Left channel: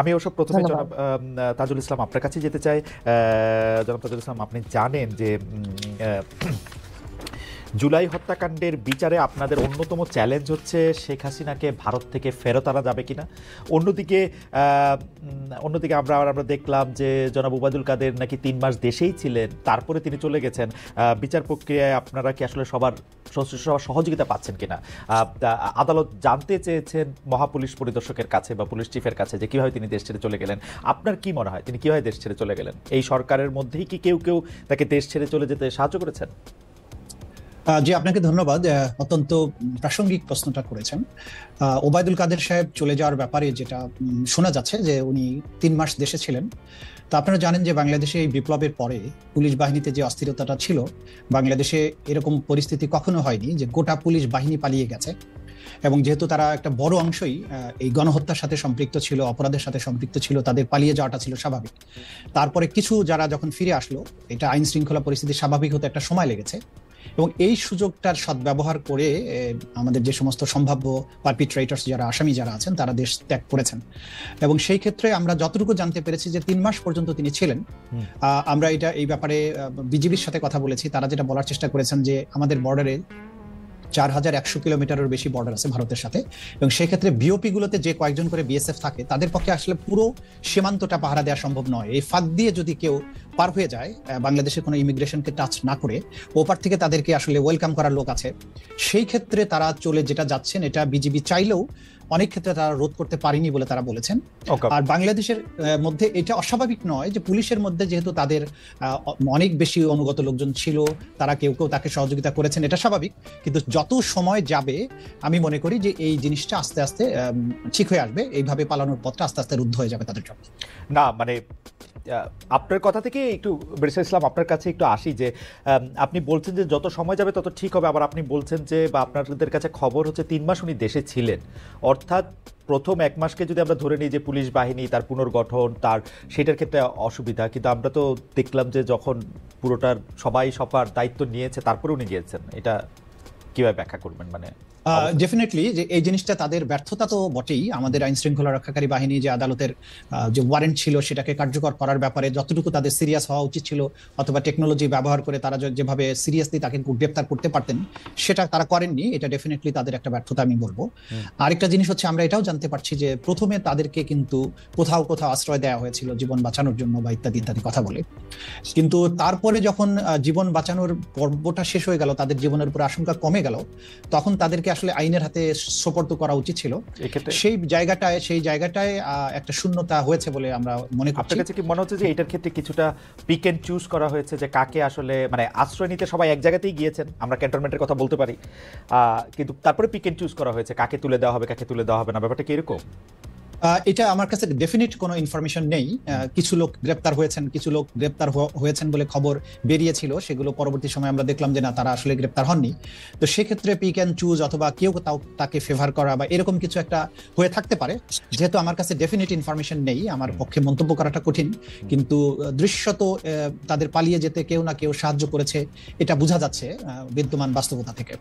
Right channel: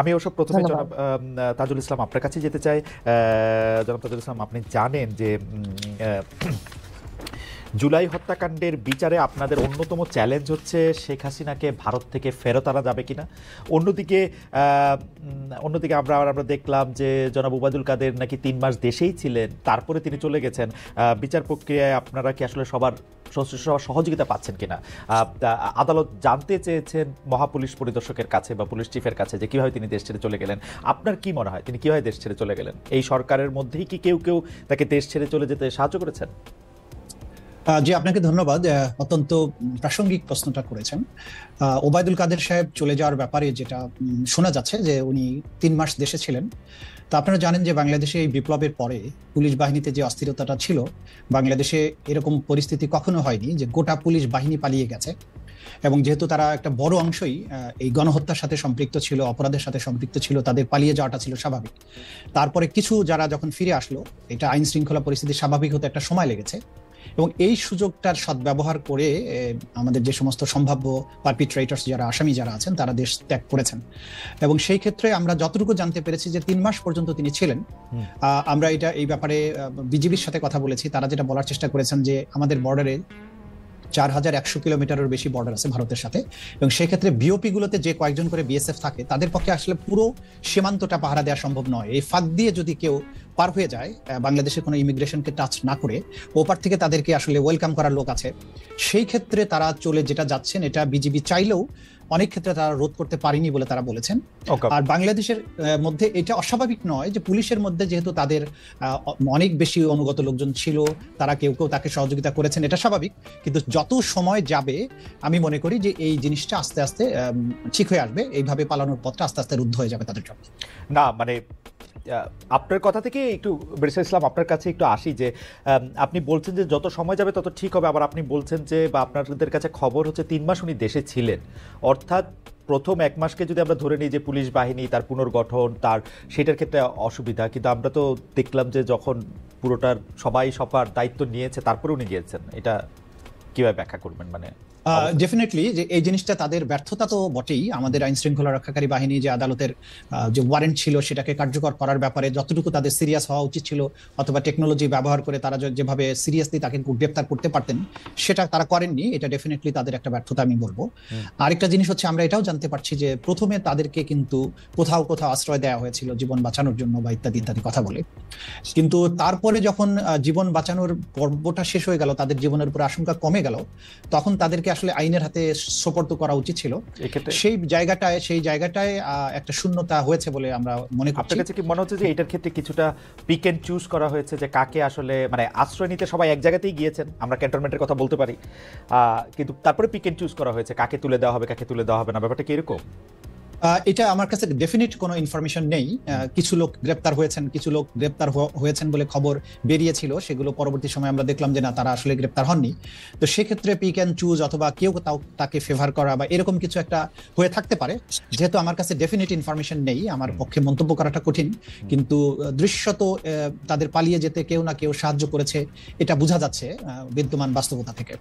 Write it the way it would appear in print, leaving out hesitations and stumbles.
আমি ওসব প্রথমে ধন্যবাদ। জনাব তাজুল ইসলাম আপনার কাছে যেতে চাই। জনাব তাজুল ইসলাম, আপনি জানেন যে জুলাই হত্যাকাণ্ডের বিচারে আপনাদের অন্যতম চ্যালেঞ্জ হচ্ছে শেখ হাসিনাকে ভারত থেকে ফেরত আনা যাবে কিনা। অন্যদিকে অন্যদিকে আমরা দেখলাম যে জনাব ওবায়দুল কাদের নাকি 3 মাস দেশেই ছিলেন, তারপরে তিনি চলে গেছেন। বিচার প্রক্রিয়ায় আপনারা কি আসলে সবার সহযোগিতা পাচ্ছেন কিনা? আদালত জানতে চেয়েছেন মহাপুলিশ পরিদর্শকের কাছে বা পুলিশ চিফের কাছে যে কীভাবে তিনি দেশ ছেড়ে চলে গেলেন। আপনার কি মনে হয় তিনি কীভাবে দেশ ছেড়ে চলে গেলেন? এই সরকারের মধ্যেই কি কেউ কেউ তাকে দেশ ছেড়ে চলে যেতে সাহায্য করেছেন? জি, আপনাকে ধন্যবাদ। অত্যন্ত প্রাসঙ্গিক প্রশ্নটা করেছেন। ওবায়দুল কাদের সাহেব চলে যাওয়ার ব্যাপারে যেটা শোনা যাচ্ছে যে উনি 3 মাস দেশে ছিলেন। তো আপনারা জানেন যে বাংলাদেশে এই বিপ্লবের পরে পুলিশ বাহিনীতে যে অস্থিরতাটা ছিল, বাংলাদেশে এরকম পরিস্থিতি কখনো হয়নি যে গোটা পুলিশ বাহিনী পালিয়ে গেছে। এবং যেহেতু তারা একটা বড় অংশই এই গণহত্যার সাথে সম্পৃক্ত ছিল, অপরাধের সাথে সম্পৃক্ত ছিল, তাদের পালিয়ে যাওয়াটা ছিল স্বাভাবিক। তারপরে কিছু যারা যখন ফিরে আসলো, এটা আইন শৃঙ্খলা পরিস্থিতি স্বাভাবিক হতে একটা সময় লেগেছে এবং এই সুযোগটার সদ্ব্যবহার করে আমাদের যে সমস্ত সম্ভাব্য পারপিট্রেটরস যারা আসামি যারা আছেন তারা দেশ ত্যাগ করেছেন। এবং সেই ক্ষেত্রে আমরা যতটুকু জানতে পেরেছি যে 3 মাস পর্যন্ত তিনি ছিলেন। আমরা এই ব্যাপারে বিজিবির সাথে কথা বলেছি। তারা যেটা বলার চেষ্টা করেছেন যে আমাদের বর্ডারে 4100 কিলোমিটারের বেশি বর্ডার আছে ভারতের সাথে, এবং সেক্ষেত্রে বিওপি গুলোতে যে কয়েকজন করে বিএসএফ থাকে তাদের পক্ষে আসলে পুরো সীমান্তটা পাহারা দেওয়া সম্ভব নয়। এই ফাঁক দিয়ে যদি কেউ পার হয়ে যায়, বাংলাদেশের কোনো ইমিগ্রেশনকে টাচ না করে, ওপার থেকে তাদেরকে আসলে ওয়েলকাম করার লোক আছে। সেই ক্ষেত্রে তারা চলে যেটা যাচ্ছেন, এটা বিজিবি চাইলেও অনেক ক্ষেত্রে তারা রোধ করতে পারেনি বলে তারা বলেছেন। আর বাংলাদেশের মধ্যে এটা অস্বাভাবিক নয় যে পুলিশের মধ্যে যেহেতু তাদের অনেক বেশি অনুগত লোকজন ছিল, তারা কেউ কেউ তাকে সহযোগিতা করেছেন, এটা স্বাভাবিক। কিন্তু যত সময় যাবে আমি মনে করি যে এই জিনিসটা আস্তে আস্তে ঠিক হয়ে আসবে। এইভাবে পালানোর পথটা আস্তে আস্তে রুদ্ধ হয়ে যাবে তাদের জন্য। না মানে আপনার কথা থেকে একটু বেরিসুল ইসলাম আপনার কাছে একটু আসি যে আপনি বলছেন যে যত সময় যাবে তত ঠিক হবে, আবার আপনি বলছেন যে বা আপনাদের কাছে খবর হচ্ছে 3 মাস উনি দেশে ছিলেন, অর্থাৎ প্রথম 1 মাসকে যদি আমরা ধরে নিই যে পুলিশ বাহিনী তার পুনর্গঠন তার সেটার ক্ষেত্রে অসুবিধা, কিন্তু আমরা তো দেখলাম যে যখন পুরোটার সবাই সবার দায়িত্ব নিয়েছে তারপরে উনি গিয়েছেন, এটা কিভাবে ব্যাখ্যা করবেন? মানে ডেফিনেটলি যে এই জিনিসটা তাদের ব্যর্থতা তো বটেই। আমাদের আইন শৃঙ্খলা রক্ষাকারী বাহিনী যে আদালতের যে ওয়ারেন্ট ছিল সেটাকে কার্যকর করার ব্যাপারে যতটুকু তাদের সিরিয়াস হওয়া উচিত ছিল, অথবা টেকনোলজি ব্যবহার করে তারা যেভাবে সিরিয়াসলি তাকে গ্রেফতার করতে পারতেন সেটা তারা করেননি। এটা ডেফিনেটলি তাদের একটা ব্যর্থতা আমি বলবো। আরেকটা জিনিস হচ্ছে আমরা এটাও জানতে পারছি যে প্রথমে তাদেরকে কিন্তু কোথাও কোথাও আশ্রয় দেওয়া হয়েছিল জীবন বাঁচানোর জন্য বা ইত্যাদি ইত্যাদি কথা বলে, কিন্তু তারপরে যখন জীবন বাঁচানোর পর্বটা শেষ হয়ে গেল, তাদের জীবনের উপর আশঙ্কা কমে গেল, তখন তাদেরকে আসলে আইনের হাতে সোপর্দ করা উচিত ছিল। সেই জায়গাটায় একটা শূন্যতা হয়েছে বলে আমরা মনে করি। আপনার কাছে কি মনে হচ্ছে যে এটার ক্ষেত্রে কিছুটা পিক এন্ড চুজ করা হয়েছে যে কাকে আসলে মানে আশ্রয় নিতে সবাই এক জায়গাতেই গিয়েছেন, আমরা ক্যান্টনমেন্টের কথা বলতে পারি, কিন্তু তারপরে পিক এন্ড চুজ করা হয়েছে কাকে তুলে দেওয়া হবে কাকে তুলে দেওয়া হবে না, ব্যাপারটা কি এরকম? এটা আমার কাছে ডেফিনিট কোনো ইনফরমেশন নেই। কিছু লোক গ্রেপ্তার হয়েছেন, কিছু লোক গ্রেপ্তার হয়েছেন বলে খবর বেরিয়েছিল, সেগুলো পরবর্তী সময় আমরা দেখলাম যে না, তারা আসলে গ্রেপ্তার হননি। তো সেক্ষেত্রে পিক অ্যান্ড চুজ অথবা কেউ তাকে ফেভার করা বা এরকম কিছু একটা হয়ে থাকতে পারে। যেহেতু আমার কাছে ডেফিনিট ইনফরমেশন নেই, আমার পক্ষে মন্তব্য করাটা কঠিন, কিন্তু দৃশ্যত তাদের পালিয়ে যেতে কেউ না কেউ সাহায্য করেছে, এটা বোঝা যাচ্ছে বিদ্যমান বাস্তবতা থেকে।